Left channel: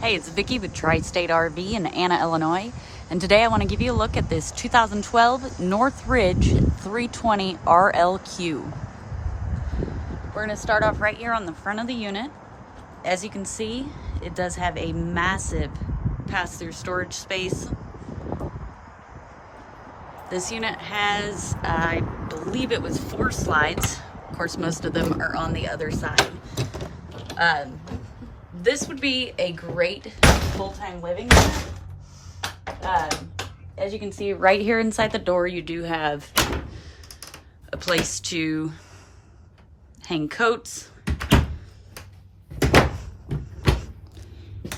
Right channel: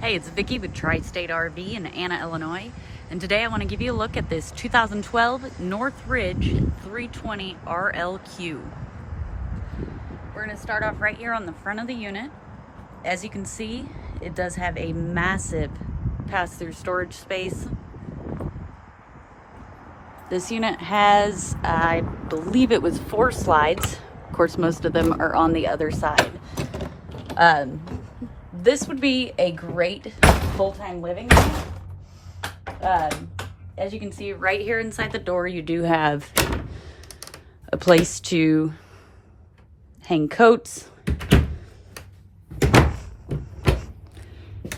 Hey, it's Vicki with Tri-State RV in Anna, Illinois, and today I want to give you a look at this 2012 Northridge 320 RLQ. We're going to start off right here on the front of the unit. As you can see, it does have a massive pass-through storage space. This unit has, I believe it was 4 slides. Of course, most of them are on the other side. This would be a great full-time living unit. As you can see right here inside the door, you do have a place to hang coats.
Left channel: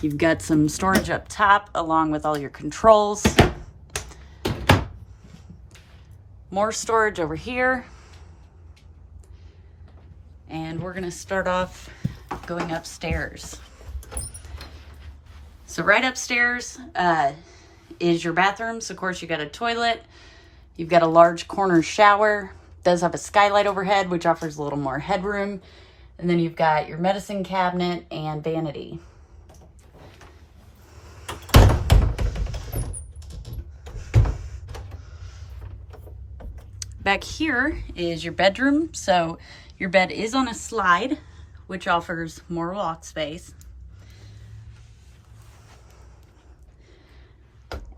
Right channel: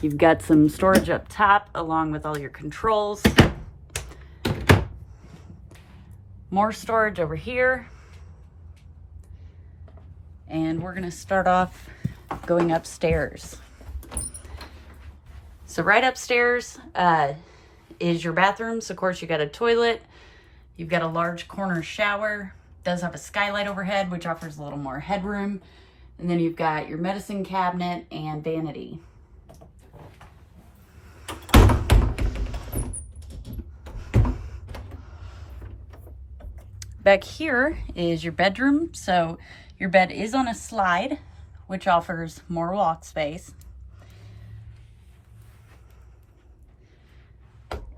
You've got some storage up top along with all your controls. More storage over here. And we're gonna start off going upstairs. So right upstairs is your bathroom. So of course you got a toilet. You've got a large corner shower. It does have a skylight overhead, which offers a little more headroom. And then you've got your medicine cabinet and vanity. Back here is your bedroom. So your bed is on a slide, which offers more walk space.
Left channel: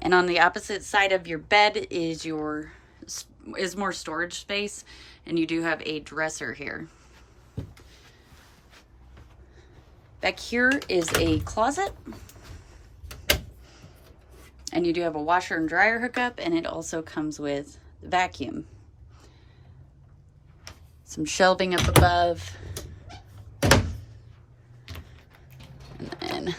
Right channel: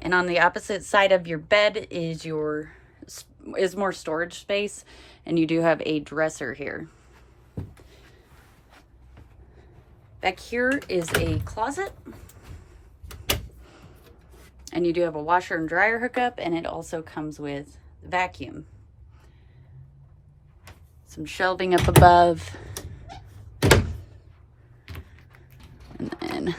And on the opposite side of your bed is more storage space, and you do have a dresser here. Back here is a closet, and you do have a washer and dryer hookup, and it also comes with vacuum. Some shelving up above, and then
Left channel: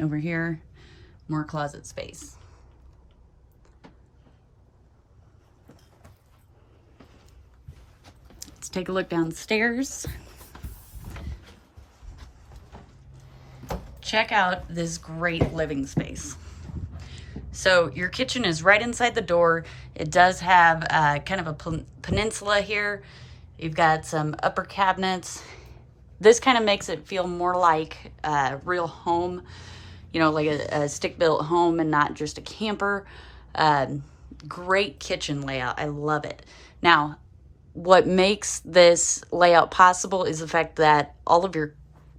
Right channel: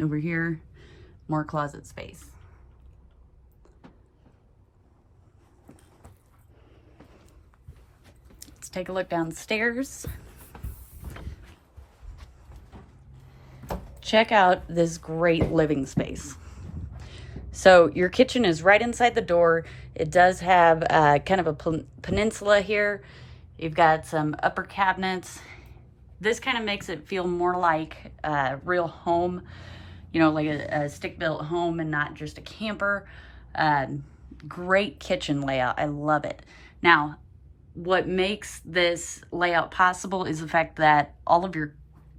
over here, more closet space. Let's take a look downstairs. Check out this great living space. So your kitchen is right inside the door. It does have kind of a peninsula here. You've got some upper cabinets. This kind of makes it feel more like a real home, you know, like a stick-built home and not just a camper. Great kitchen layout. I love it. Now, what makes this layout possible is the fact that all of your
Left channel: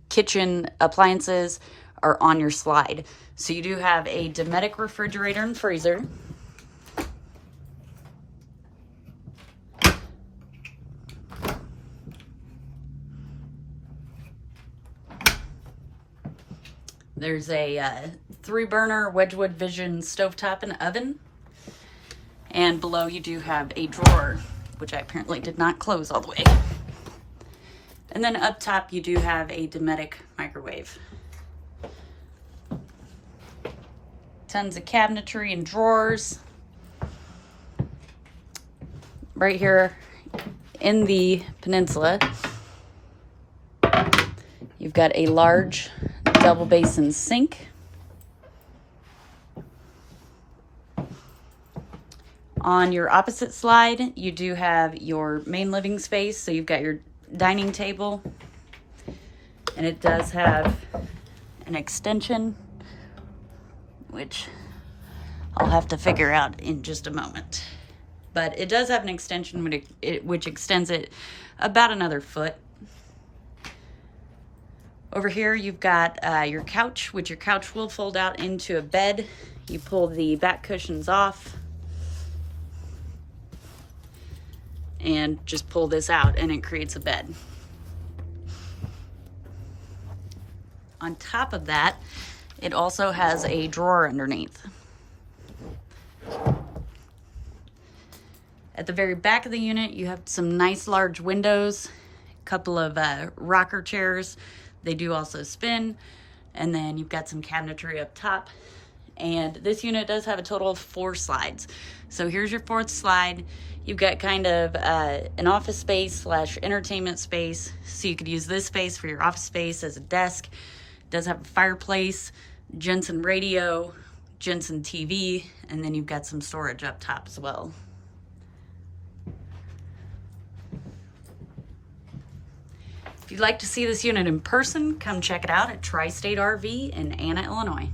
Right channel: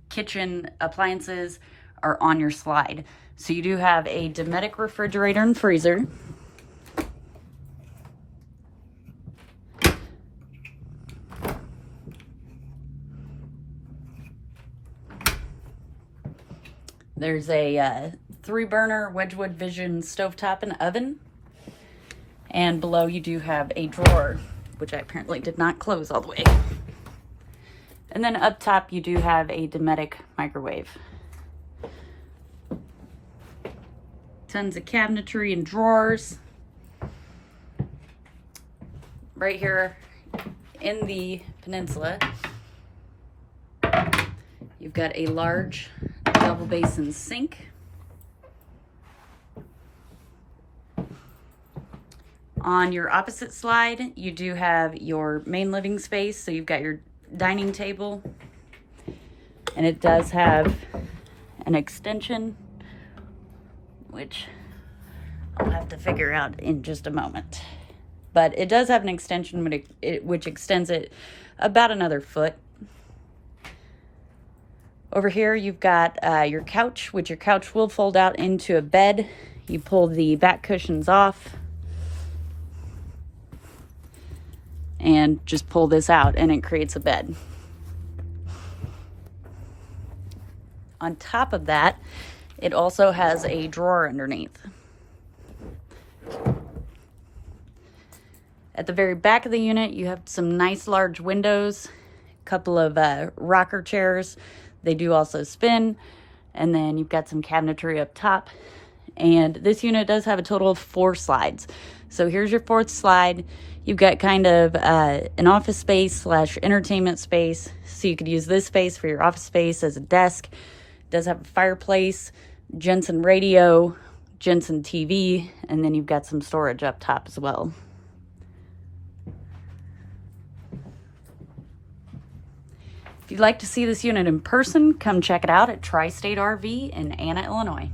kitchen appliances are on your slide. So you do have a Dynamax refrigerator and freezer. There's a 3-burner Wedgwood Vision stovetop and oven. And below you do have a drawer, which I apparently did not close all the way. And then up top you do have a Dynamax microwave. Tons of cabinetry and drawers. Right here in the peninsula, you've got a large double basin sink. On your opposite slide, you do have your main living space. So you've got your dining table, and it does have an extension, which I'll have to figure out in just a moment. But it does have an extension which extends it about another foot. Over here, you've got your couch, which your couch will fold out into a bed. You pull the back cushions off and just pull this out, and it creates a bed. On top of that, it also has a drawer underneath. At the very back of the unit, you have some nice large windows, a couple of rocker chairs. They do also spin. And then you've got some cabinetry up top. And this unit does have a total of 4 slides. So here's your 4th slide. You've got kind of an office space slash entertainment space. So you could use this space for your office space as a desk. It does have a fireplace, Jensen radio, Jensen TV, and then you've got some storage up top as well. If you'd like to see this unit in person, come check it out at Tri-State RV in Anna, Illinois.